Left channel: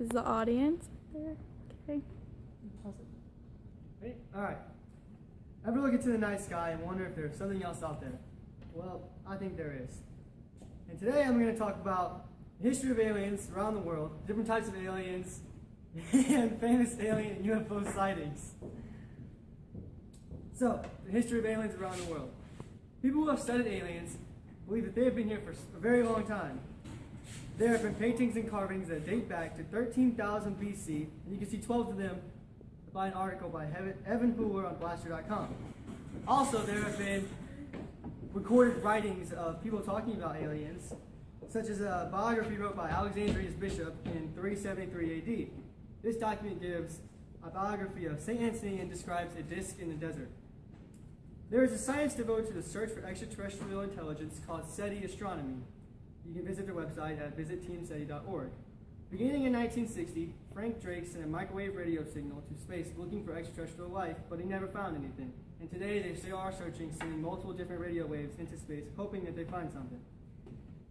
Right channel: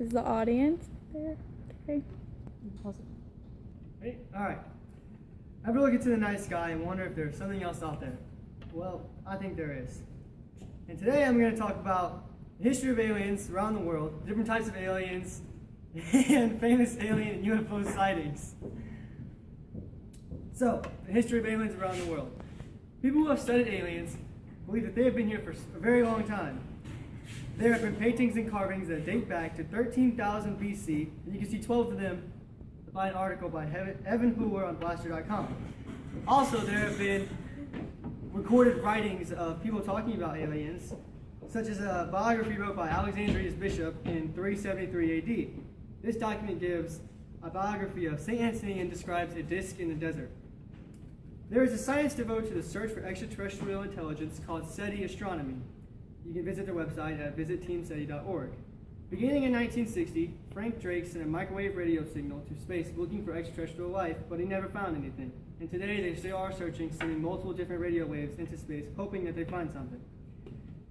Is the audience there? Okay. Pause it. Ready? All right. Ever look into the night sky and wonder if there's something else out there? Well, I think there is. And today I'm going to talk about the history of aliens around the world, different types of aliens, and famous alien and UFO sightings. So, the history of aliens around the world. People who have studied aliens believe that they have been here for a very long time. There have been paintings and carvings that date back to 13,000 BC, and you can see 12 of them by an article by Evan Hoover on Blaster.com. Also, there have been recorded writings of people talking about aliens, such as a biography wrote by Alexandria's bishop in 373 AD. This document gives a biography of St. Anthony and describes a disk in the desert. There is a science devoted to the search for extraterrestrial intelligence called SETI Astronomy. You can visit their website at visitteamseti.org. Beginning in 1960, Frank Drake sent a microwave radio signal to space looking for extraterrestrial life, but he never found anything. And today they still are searching, sending multiple different radio waves into space, hoping that they find something.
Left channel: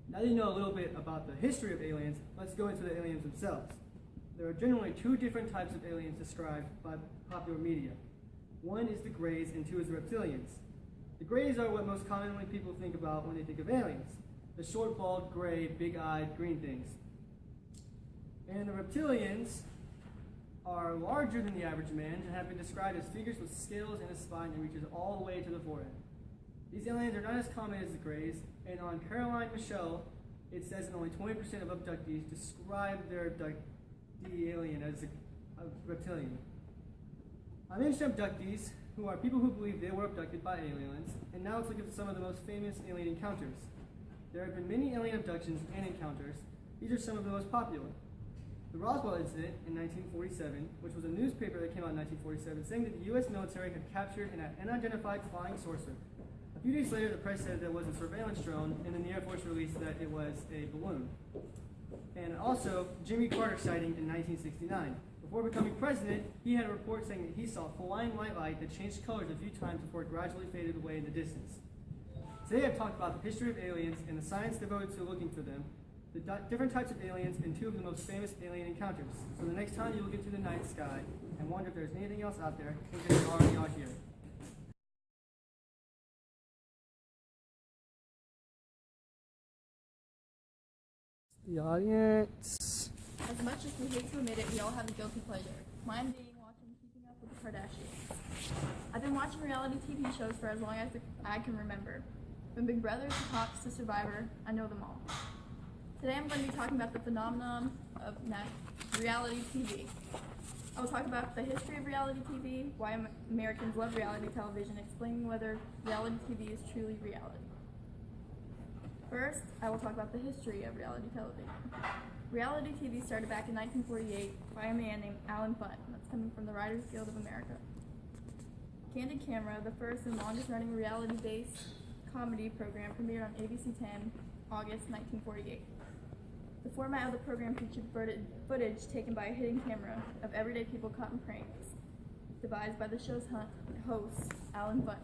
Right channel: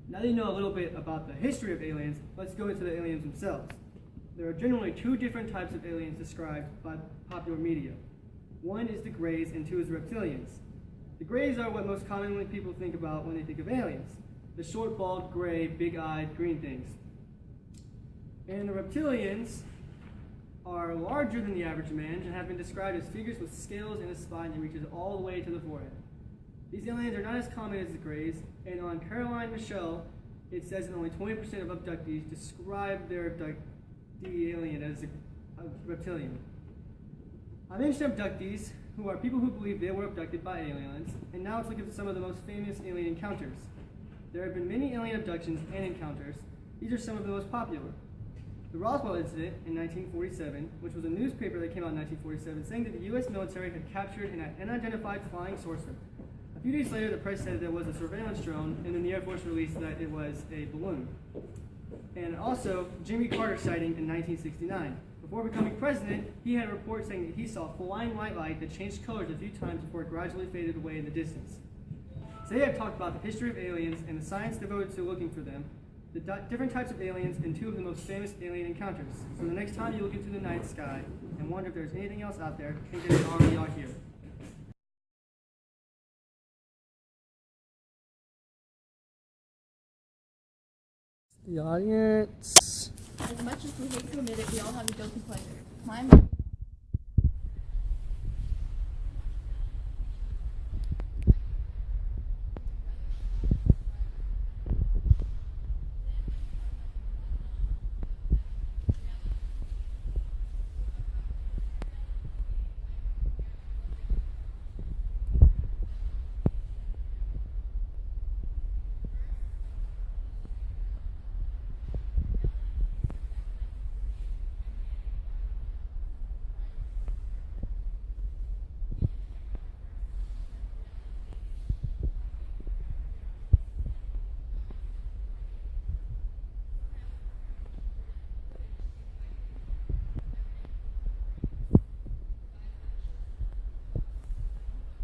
Now that you know a little bit about the history of aliens, let's go into the aliens themselves. There are generally two different types of aliens described by popular media. One is the Greys and two is reptilians. The Greys are what most commonly people think about when they think of aliens. The short, bald, gray, big-eyed, green things. And the reptilians are larger than the average man and have been described as figures with scales and a spine that reaches all the way to the forehead. These aliens are not as common as the Greys, and on Caroline Michelle, it says that only 20% of abductees describe the alien as a reptilian. I mentioned abductees, who are people who believe they were abducted by aliens, and now let's look at some of the most famous alien encounters. There have been many alien abductions and encounters. These are some of the most popular. The Roswell incident in 1947, which was a newspaper that came out in 1947, saying that the U.S. military had captured an unidentified flying saucer. A few days later, the press said there was a surveillance drone, and then the Air Force released that it was a balloon. And also, Jimmy Carter sighting in 1969. Before becoming president, he had a report saying that he saw flying white light that changed colors a few times before it gradually faded away in the distance. Today I've talked about the history of aliens and the science devoted to looking for them, the different types of aliens, and two of the most famous alien encounters. So the next time you look into the night sky and wonder if there's anything else out there, think that they already are here. The audience. As much as we hate to admit it, we all have a guilty pleasure. Mine being watching Keeping Up with the Kardashians. I've been watching reality TV shows for as long as I can remember. From Big Brother to Cops to Survivor, I know them all. Today I'm going to be talking about the phenomenon of reality TV. I will talk about the history of reality TV, why Americans love reality television, explaining whether reality TV is truly reality. First, I will talk about the history of reality television. Reality TV started back in 1948 by a man named Alan Bunt, that's coming from the Writers Guild of America. Candid Camera, the first and longest running reality-based comedy program, premiered on ABC 10, August 1948. The format of the program featured footage taken by a hidden camera of everyday people caught in pranks, devised by the show's host, Alan Bunt.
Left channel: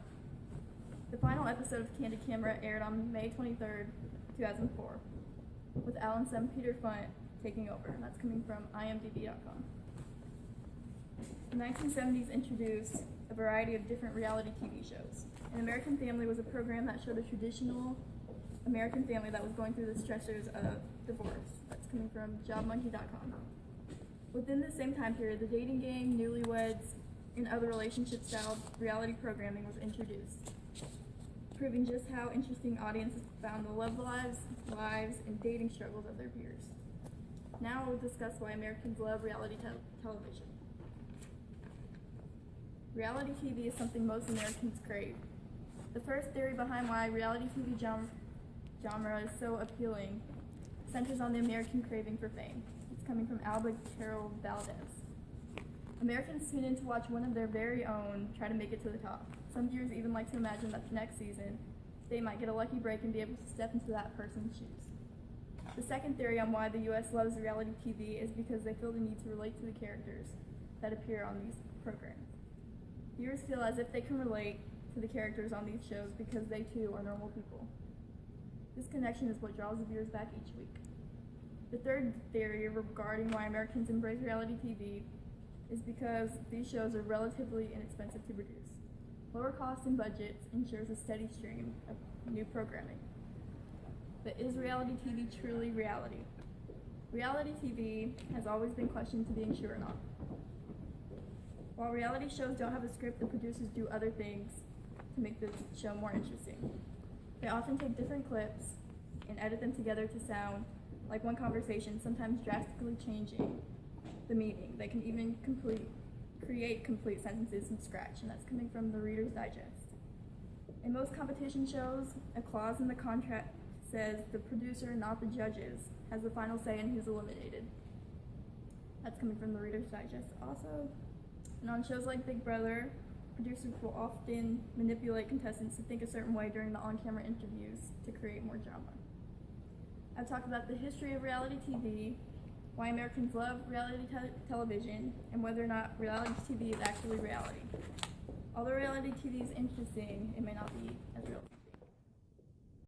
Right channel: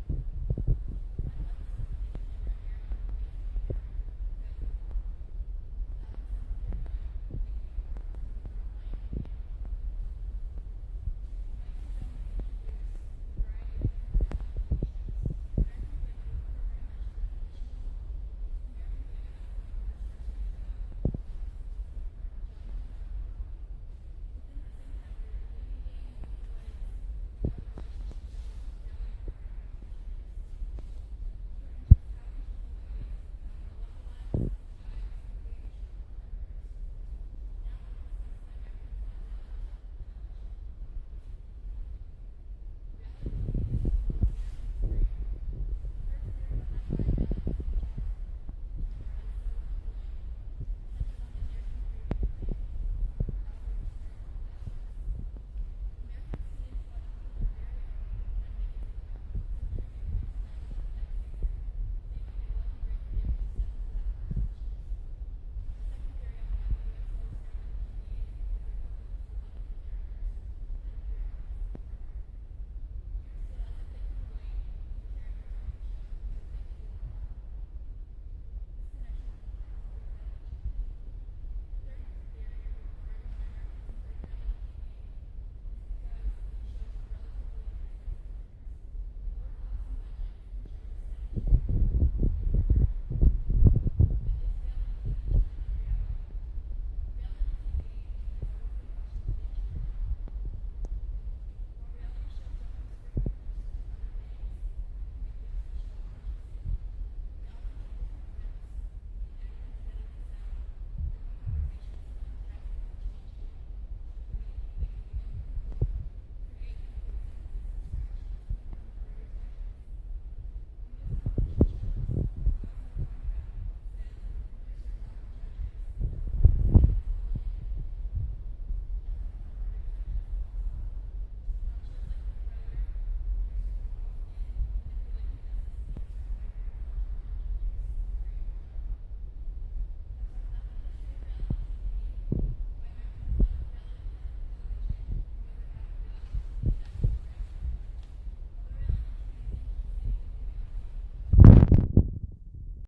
The final episode of Candid Camera aired on May 23rd, 2004, with Alan's son Peter Bunt taking over. That's coming from imdb.com. The 1970s introduced a variety of different reality TV shows. An American Family was a program that showed a traditional American family that was going through the stressors of divorce. That's coming from jobmonkey.com. Within the same time period, the dating game, newlyweds, and other relationship-style reality programming was introduced, proving just how interesting audiences found the love lives, and dating struggles of their peers. Now we'll discuss why Americans love reality television. Reality TV is something most Americans crave. The first theory behind why reality TV genre is so appealing centers on the American craving for fame. It's coming from Albert Carroll Valdez. Americans tune in to watch one of their very own try to make it to the top. Some viewers even like to imagine that the next season they might get a lucky break and be able to step into that person's shoes. The second theory on why the U.S. loves reality TV is because they feel the need to relate to the characters that appear on these programs. Viewers feel as if they can relate to the characters on these shows because they too are normal people. This connection is what draws the viewers back each week. The third theory regarding why Americans embrace reality TV is because these shows are relatively inexpensive to produce. Lower costs and budgets ensures a steady stream of new programming. But is reality TV truly reality? Reality TV has always been questioned to being true or not. While reality shows don't have a script, the producers do other things to make the show more interesting. They often take different clips and edit them together to sound like one conversation, sometimes drastically changing the meaning. They can even create complete sentences from scratch, and that's coming from the Reader's Digest. In most competition shows, a clause in the contract says the producer, not the judges, has the final say in who's eliminated. That's coming from the Reader's Digest also. And on shows like Big Brother, producers will often manipulate contestants to think a certain way during the on-camera interviews to create more drama. I've talked about the history of reality TV, why Americans love reality television, and whether or not reality TV is actually reality. Although reality TV is interesting, it may not be